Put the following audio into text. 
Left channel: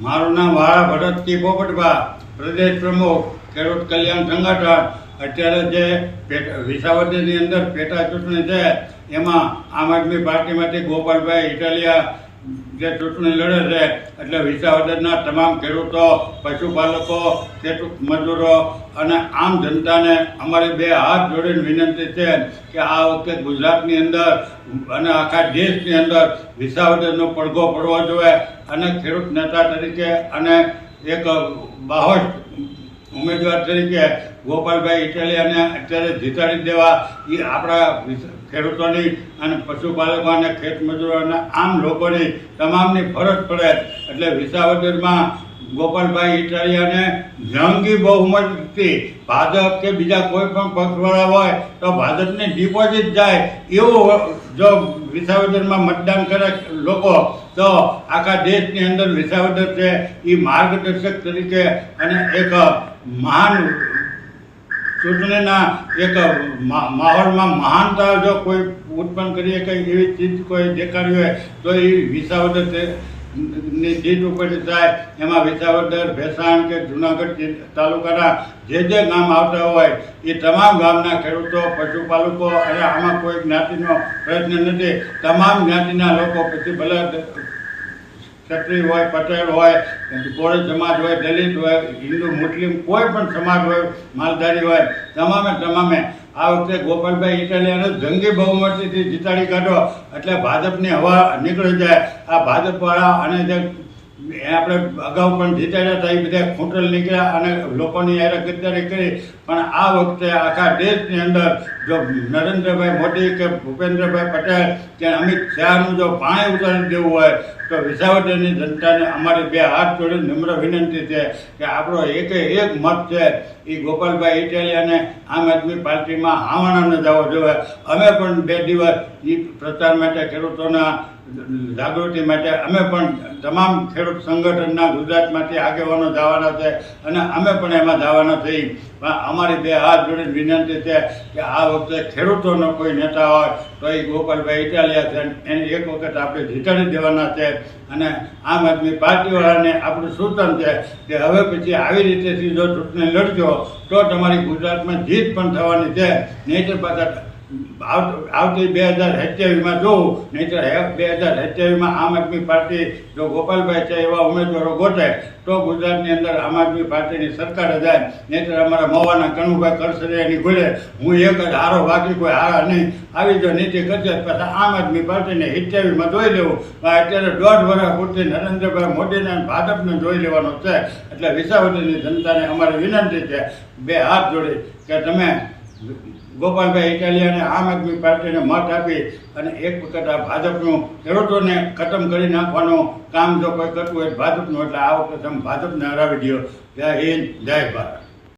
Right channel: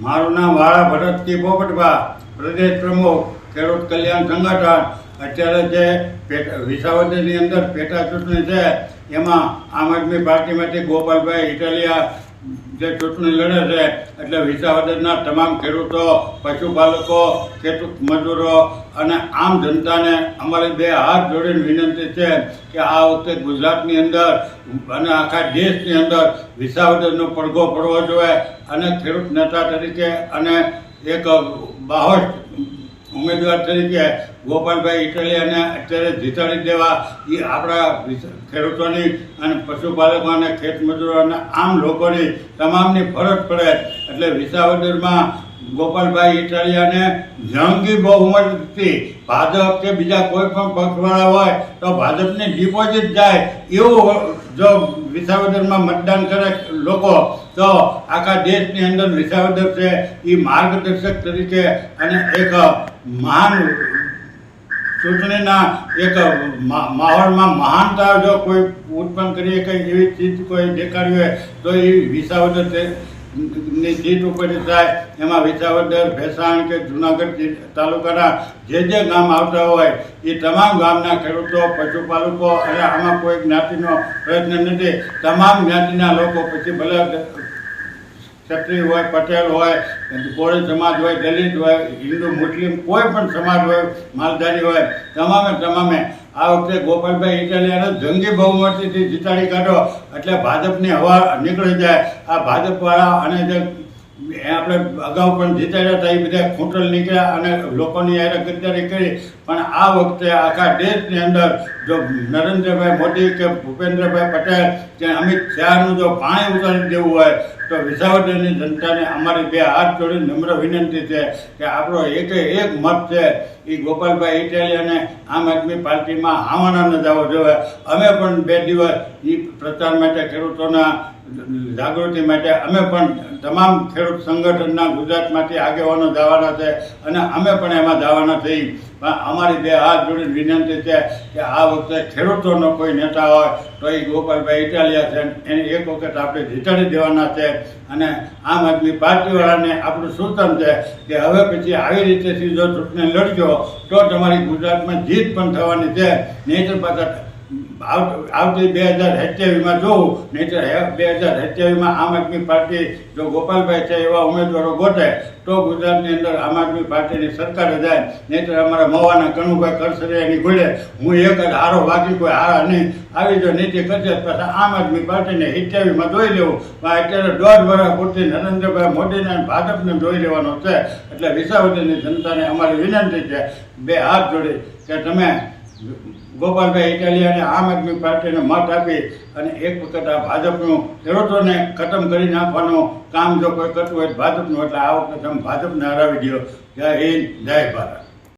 મારું નામ વાળા ભરતજી પોપટભા, પ્રદેશ પ્રમુખ, ખેડૂત કલ્યાણ સંગઠન. અત્યારે જે વિસાવદરની અંદર પેટા ચૂંટણી છે, એમાં આમ આદમી પાર્ટીમાંથી ગોપાલભાઈ ઇટાલિયા જે ચૂંટણી લડે છે, એટલે વિસાવદરના તમામ ખેડૂતો, પશુપાલકો, ખેડૂત મજૂરો અને આમ જનતાને અમારી બે હાથ જોડીને વિનંતી છે કે આ વખતે ગુજરાતની અંદર અને આખા દેશની અંદર વિસાવદરનો પડઘો પડવો જોઈએ અને ખેડૂત નેતા તરીકે અને એક બાહોશ ઉમેદવાર તરીકે ગોપાલભાઈ ઇટાલિયાને અત્યારે જીતાડી દેવા એ આપણા ખેડૂતોની અને પશુપાલકો અને ખેતમજૂરો અને આમ લોકોની તમામની ફરજ પડે. એટલે વિસાવદરમાં ગોપાલભાઈ ઇટાલિયાને જંગી બહુમતથી ભાજપ કે બીજા કોઈ પણ પક્ષવાળા હોય તો ભાજપની ડિપોઝિટ જાય. એવું જો વિસાવદરમાં મતદાન કરે લોકો, તો આખા દેશની અંદર વિસાવદર છે. એ માર્ગદર્શક તરીકે અને એક મહાન ચૂંટણીના એક માહોલમાં મહાનતા જો કોઈ ઉત્પન્ન કરીએ, કંઈ એવી ચીજ કોઈ દેખાડી હોય, તો એ વિસાવદરની સીટ ઉપર થાય. એમાં વિસાવદર, ભેસાણ કે જુનાગઢ તાલુકાના જે જે ગામ આવતા હોય, એ તમામ ગામના ખેડૂતો, પશુપાલકો અને આમાં કોઈ જ્ઞાતિનો પ્રયત્ન નથી. તમામ જ્ઞાતિના લોકો પછી ભલે ક્ષત્રિય હોય, પટેલ હોય કોળી સમાજ હોય, દલિત હોય, હિન્દુ, મુસ્લિમ કોઈ પણ સમાજ હોય, માલધારી હોય, તમામે તમામે. આ વખતે ગોપાલભાઈ ઇટાલિયાને જંગી બહુમતીથી જીતાડી કાઢો. એટલે ભાજપની હવા નીકળી જાય. આ ભાજપવાળા અને જે આપણે અગાઉ પણ જીતાડ્યા હતા, એ બધા ખૂંટલ નીકળ્યા અને લોકોની યારે ગદ્દારી કરી. પણ આ વખતે આખા દેશની અંદર જો નરેન્દ્રભાઈ મોદી કે ભૂપેન્દ્રભાઈ પટેલ કે અમિત શાહનું જો પાણી ઉતારી દેવું હોય, તો વિસાવદરની જનતાને અમારી બે હાથ જોડી નમ્ર વિનંતી છે કે આપણો એક એક મત છે એ ગોપાલભાઈ ઇટાલિયાને આમ આદમી પાર્ટીમાં આવવાના ન જવો. જોઈએ અમે પણ બે દિવસ એ પ્રચાર માટે ખેડૂતોના જાગૃતિ માટે અમે પણ તમામ ખેડૂત સંગઠનના ગુજરાતમાંથી આગેવાનો જવાના છે અને અમે પણ એમાં જવાના થઈ પણ અમારી બે હાથ જોડીને વિનંતી છે કે આ વખતે ખેડૂતોનો કોઈ નેતા હોય તો એ ગોપાલભાઈ ઇટાલિયા છે એને એક વખત આપણે જીતાડી દેવાના છે. અને આમ આદમી પાર્ટીવાળાને આપણું સૂચન છે કે હવે પછી આવી રીતેથી જો ચૂંટણી લડજો તો તમારી ગુજરાતમાં જીત પણ થવાની છે. નહીંતર પાછા આવ- આવતી બે હજાર સત્યાવીસમાં જોવું નહીંતર બે હજાર સત્યાવીસમાં આમ આદમી પાર્ટી જો ગોપાલભાઈ છે એવા ઉમેદવારો ગોતે, તો ગુજરાતની અંદર આમ આદમી પાર્ટીની સરકાર જાય. નહીંતર અમારા મોવાના કનુભાઈ કરસરિયાની ઘોડે હું એક જ હારો બાકી કોઈ હારા નહીં. આવી જો નીતિ કરશે પાછા આમ આદમી પાર્ટીને સત્યાવીસમાં જોઈ લેવું. અત્યારે દોઢ વર્ષ પૂરતી નરેન્દ્રભાઈ મોદીને અને ભાજપને જોઈ લેવાનો છે. એટલે વિસાવદરની જનતાને અમારી વિનંતી છે, બે હાથ જોડી કે તમે ગોપાલભાઈ ઇટાલિયાને આમ આદમી પાર્ટીને મત આપી અને એક વખત આ ભાજપનું ખેડૂતોને ખતમ કરી નાખવાનું કામ જો કોઈ કરતું હોય ભાજપનું, એટલે આ વખતે તમે ભાજપને હરાવી દો જય હિન્દ, જય ભારત.